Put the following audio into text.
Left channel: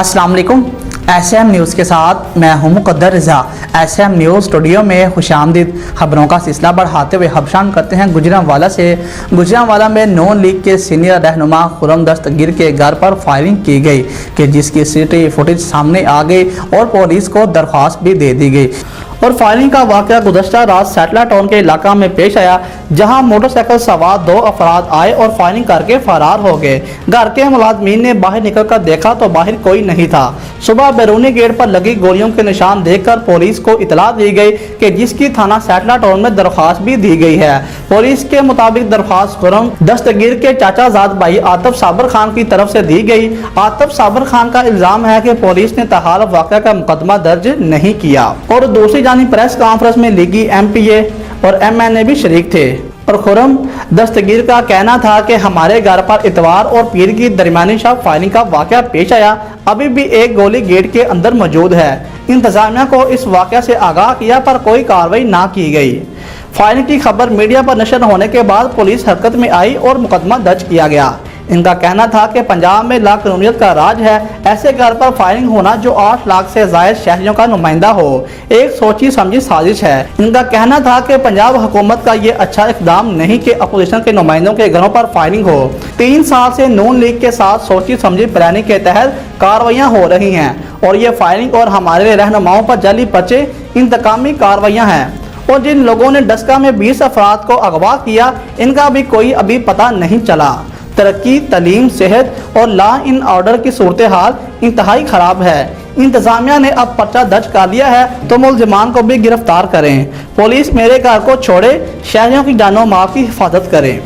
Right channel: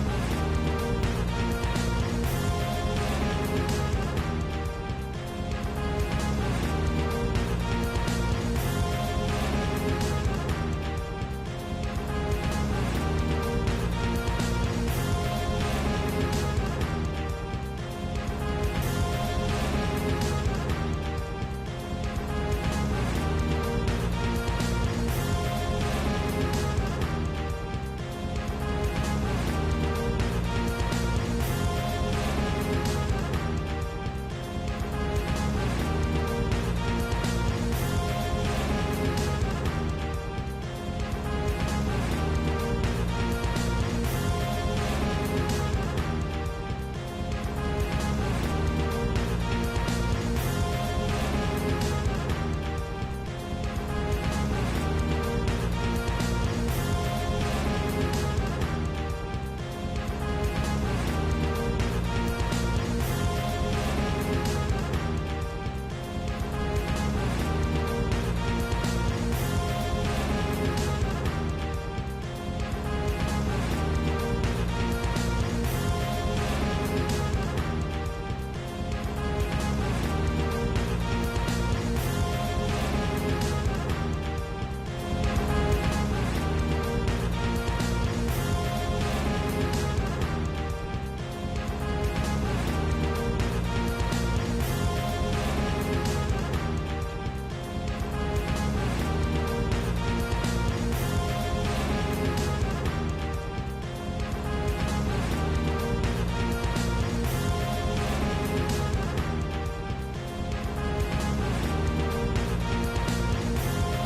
अस्सलाम वालेकुम। SM news के साथ मैं हूं मुक़द्दर रज़ा। SM न्यूज़ स्टूडियो में खुशामदीद। खबरों का सिलसिला बढ़ाते हुए खबशान करते हैं गुजरांवाला से। गुजरांवाला में नून लीग के सीनियर रहनुमा खुर्रम दस्तगीर के घर पर फायरिंग की गई कि जिसकी CCTV फुटेज सामने आ गई और पुलिस को दरख्वास्त भी दे दी गई। और फायरिंग का वाक़या गुज़श्ता रात सैटला टाउन के इलाका में पेश आया, जहां मोटरसाइकिल सवार 2 अफराद आए और फायरिंग करके फरार हो गए। घर के मुलाज़मीन ने बाहर निकलकर देखा तो बाहर कोई नहीं था। सुबह बैरूनी गेट पर लगी गोलियों के निशान देखकर पुलिस को इतला दी गई कि जिसकी थाना सैटला टाउन में दरख्वास्त भी दी गई है। पुलिस के मुताबिक दरख्वास्त खुर्रम दस्तगीर के चाचाजाद भाई आतिफ साबर खान की तरफ से दी गई। आतिफ साबर खान का इल्जाम है कि पुलिस ने तहाल वाक़या का मुकदमा दर्ज नहीं किया। और दूसरी जानिब प्रेस कॉन्फ्रेंस में लीगी MPA और MNA भी शरीक थे। और खुर्रम दस्तगीर का कहना था कि हमारे घर पर इतवार और पीर की दरमियानी शब फायरिंग का वाक़या पेश आया। अभी भी एक गोली गेट के अंदर मौजूद है। इंतजामिया को इस वाक़या से आगाह किया पर कोई कार्रवाई ना की गई। फायरिंग की खबर मीडिया पर नशर होने के बाद पुलिस हरकत में आई और मुकदमा दर्ज किया गया। इनका कहना था कि पंजाब में लाकानूनियत का राज है, ऐसे घर पर फायरिंग होना जो 8 लाख से ज़ायद शहरियों का नुमाइंदा हो, एक सोची समझी साजिश है। इनका कहना था कि पंजाब हुकूमत का ये अच्छा इक़दाम नहीं कि अपोजिशन के नुमाइंदों के घरों पर फायरिंग हो। 3 साल से नून लीग के साथ सोची समझी प्लानिंग के तहत कार्रवाइयाँ हो रही हैं और ये फायरिंग और हमारे रहनुमाओं पर जाली पर्चे इंतकामी कार्रवाइयाँ हैं। और जिन लोगों ने डस्का में 20 अफराद को अगवा किया, इनका भी कोई अभी पता नहीं चला। तरक्की, तलीम, सेहत और लॉ इन ऑर्डर की सूरत हाल इंतहाई ख़राब है। इंतज़ामिया ने अब पर्चा दर्ज कर लिया है तो मुल्ज़िमान को भी गिरफ्तार करें। पुलिस मेरे घर को छोड़े, शहरियों की जानो माल की हिफाजत करें।